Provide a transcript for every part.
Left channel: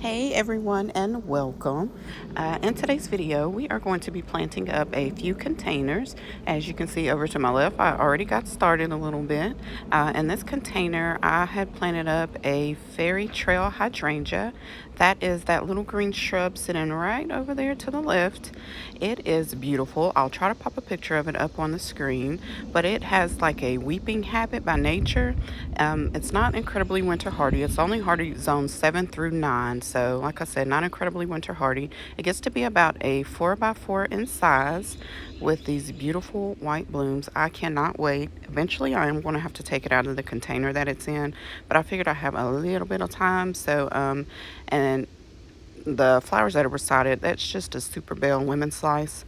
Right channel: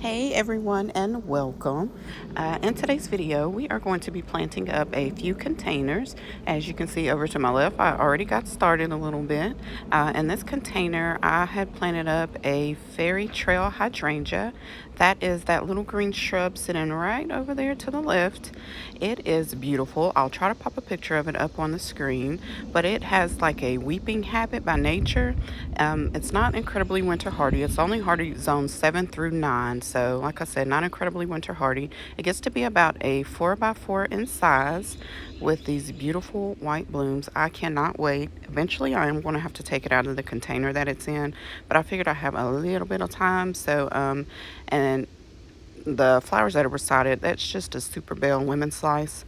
Hey everyone, and welcome. In today's video we are going to be planting up a few containers. As you can see over to my left, I already got started a little bit. In this container I had planted up a fairy trail hydrangea. That is that little green shrub sitting right over there to the left. It is beautiful. I'll try to pop a picture of it up on the screen, but it has like a weeping habit by nature. It's not incredibly winter hardy. It's only hardy zones 7 through 9. So, like I said, not incredibly winter hardy. It gets to be about a 4x4 in size with these beautiful white blooms. I cannot wait. Eventually, I am going to have to take it out of the container that it's in, but I figured I have a little bit of time. So, and the flowers that are beside it, that's just a Super Belle Lemon Slice.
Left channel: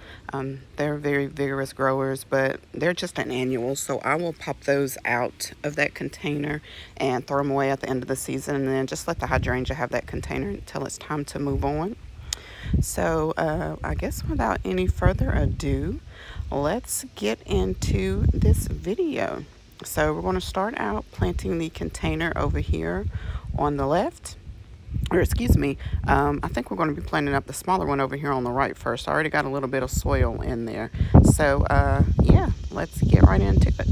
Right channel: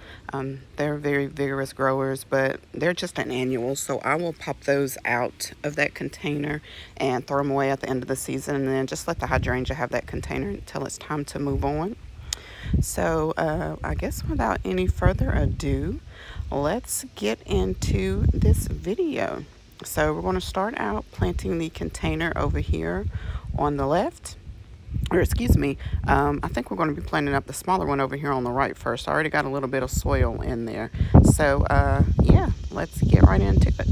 They're very vigorous growers, but they're just an annual, so I will pop those out of that container and throw them away at the end of the season, and then just let the hydrangea have that container until it's time to move on. So I guess without any further ado, let's get into this video. So we're going to start out planting the container over here on the left. Or excuse me, I think we're going to be planting up the smaller one over here on the right first. I already got a little bit of soil in there. So yeah, let's get right into it.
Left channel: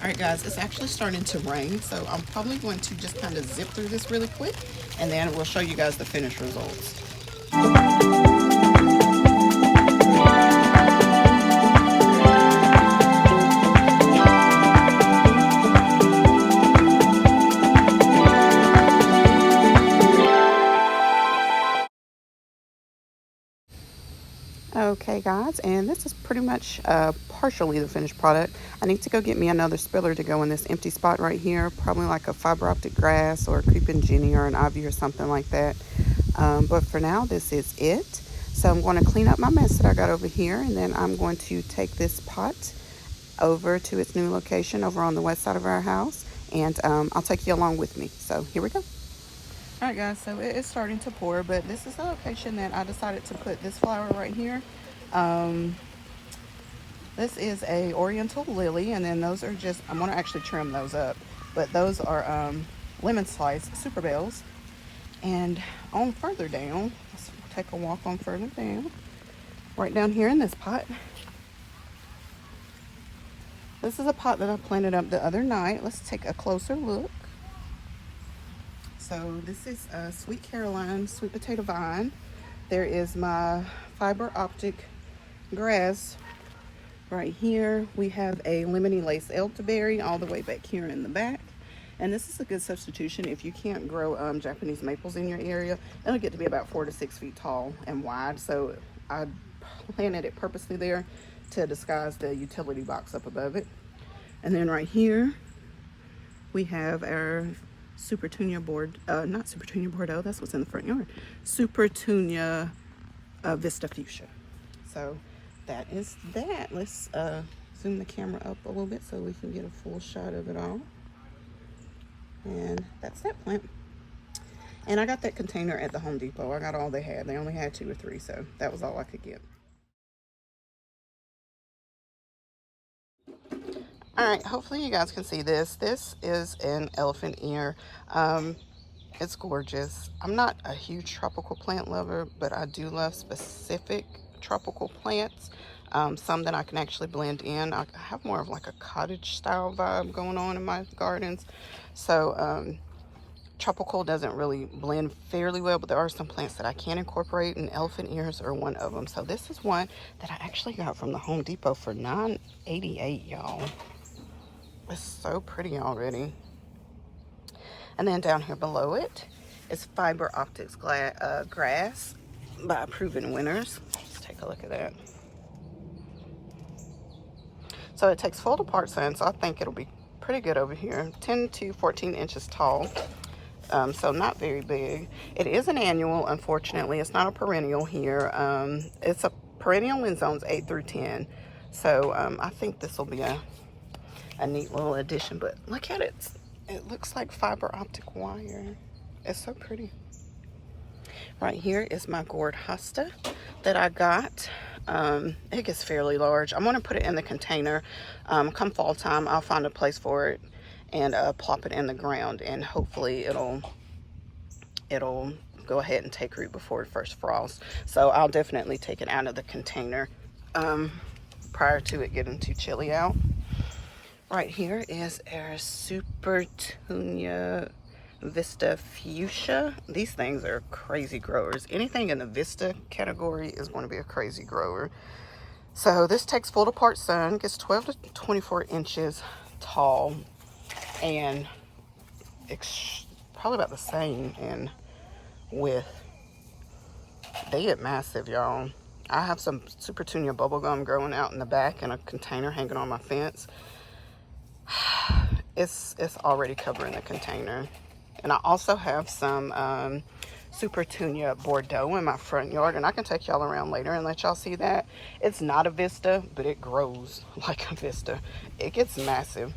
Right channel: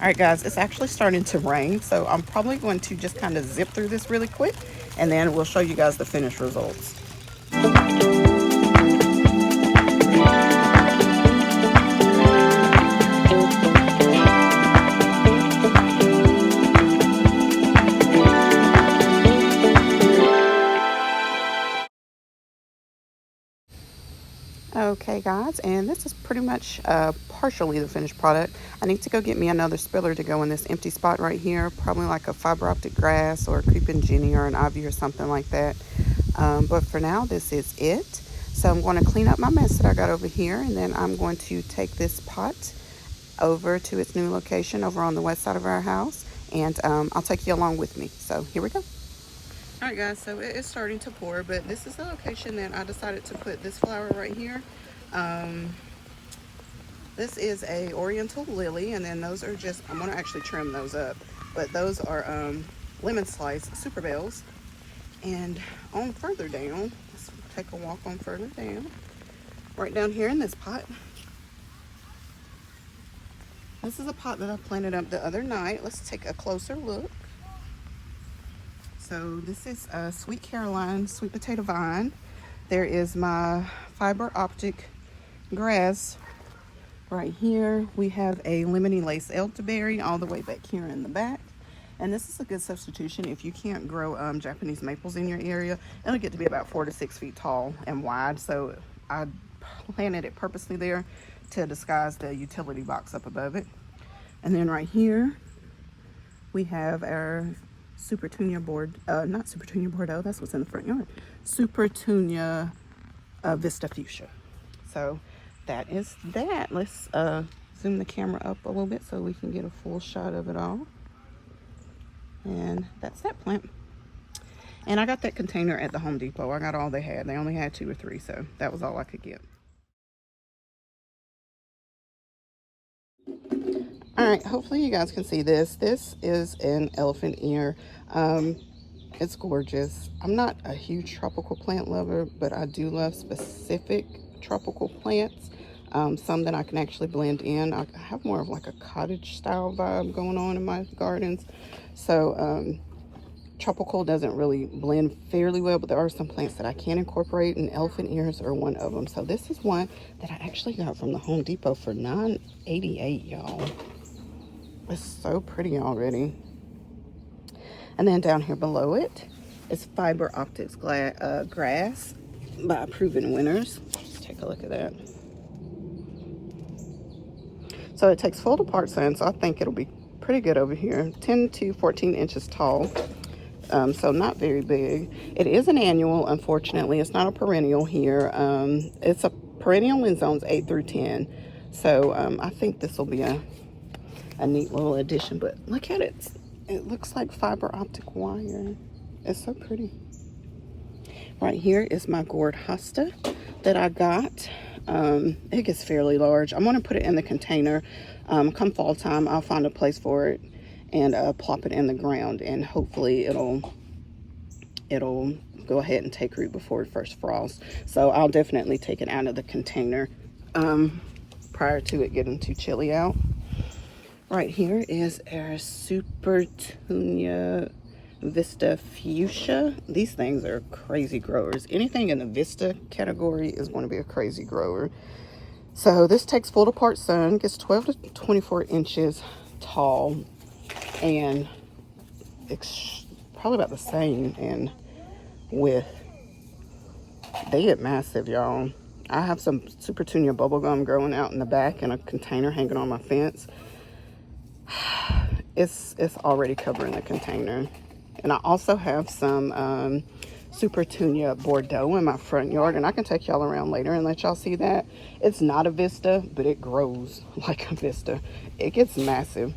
All right, guys, it's actually starting to rain, so I'm probably going to just kind of zip through this really quick, and then we'll show you guys the finished results. Okay guys, and this is pretty much partially the finished product. I need to go get me another spiller to go in this empty spot right here, probably like a fiber optic grass or a creeping Jenny or an ivy or something like that. But for now, this is it. So I'm going to clean up my mess that I got over here, and then I'm going to take this pot over to its new location over on the west side of our house, and I'll take you along with me. So here we go. All right guys, so it is starting to pour, but this is the location that I decided to put this flower right here. This is a oriental lily, and then those are just, I'm gonna actually trim those up, but those are lemon slice Super Belles. And on further down, let's take a walk on further down, right down here in this pot. This is a pot that I planted up the other night. Let's take a closer look. So this is a Sweet Caroline sweet potato vine. There is my fiber optic grass right here. We have a lemony lace elderberry all the way back here in the back. And this is a good substitution if you can't grow Japanese maples in your area. It'll get to be about 4 to 6 feet tall and wide. So I planted it purposely there to disguise the utility box up above it. And then right here, we have our Supertunia not Supertunia Bordeaux, that's what's in the front yard. Supertunia Vista Fuchsia. So that is that. Let's zoom the camera up a little bit so we can get a full shot of it all. And that's that plant. And I got that container at the Home Depot. I got all they had. They only had 2 or 3, so that was all I could get. All right, hopefully you guys can see this. This is an elephant ear. It's gorgeous. I'm not a huge tropical plant lover, but I do love specific tropical plants. Some that I can actually blend in. I have more of like a cottage style vibe going on in my gardens. So tropical doesn't really blend fairly well, but there are some plants that I can incorporate, and elephant ears are one of them. So this is one that I actually got from the Home Depot for $9.88, y'all. It's so pretty already. And then down here below it is fiber optics grass by Proven Winners. Let's take a look at that. So it takes full to part sun, so I think it'll be pretty good over here. 10 to 14 inches tall, so not very big. It is an annual, unfortunately. It's not a perennial here. It's a perennial in zones 8 through 10. So I think this will be a neat little addition, but look at it. It looks like fiber optic wire. It's so pretty. Right here is my gourd hosta that I got. It gets fairly large. I'm going to put it in the container. Come fall time, I'll find a place for it and plop it in the ground, and hopefully it'll it'll go ahead and take root before the first frost. So I'll definitely take it out of the container prior to it getting too chilly out. Right here is our Supertunia Vista Fuchsia. These things are crazy growers. Anything in the Vista category is going to be a crazy grower. So this takes full to part sun, gets 12 to 24 inches tall, and it's probably about the same in width. They get massive, y'all. I have some Supertunia bubblegum growing out in the back in a container hanging on my fence. It's already covering the container. And I also have some Supertunia Bordeaux in my front yard, and I can take y'all around later and let y'all see that. It's not a Vista, but it grows like a Vista. It gets massive.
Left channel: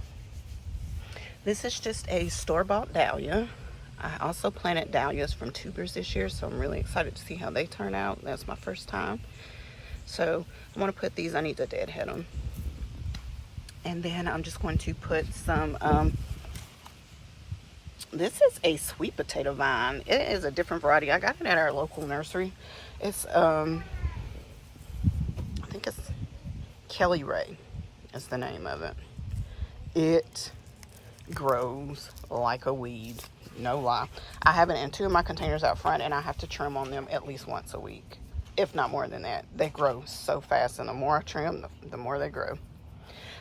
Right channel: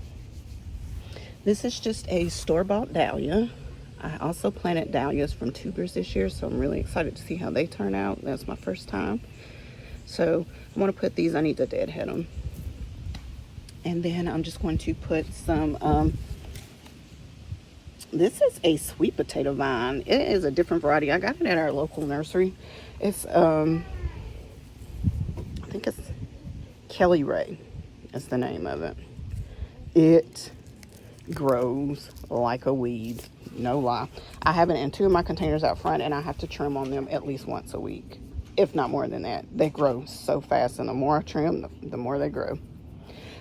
This is just a store-bought dahlia. I also planted dahlias from tubers this year, so I'm really excited to see how they turn out. That's my first time. So I'm going to put these, I need to deadhead them. And then I'm just going to put some, this is a sweet potato vine. It is a different variety. I got it at our local nursery. It's, I think it's Kelly Ray is the name of it. It grows like a weed, no lie. I have it in 2 of my containers out front, and I have to trim on them at least once a week, if not more than that. They grow so fast, and the more I trim, the more they grow.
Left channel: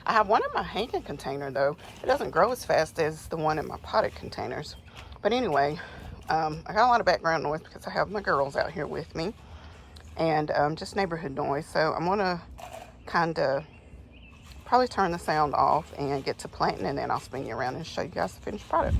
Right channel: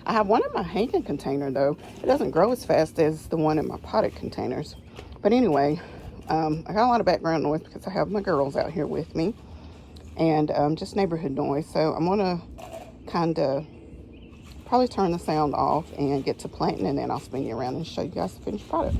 I have one in my hanging container though. It doesn't grow as fast as the one in my potted containers. But anyway, I got a lot of background noise because I have my girls out here with me, and just neighborhood noise. So I'm gonna kind of probably turn the sound off and get to planting, and then I'll spin you around and show you guys the finished product.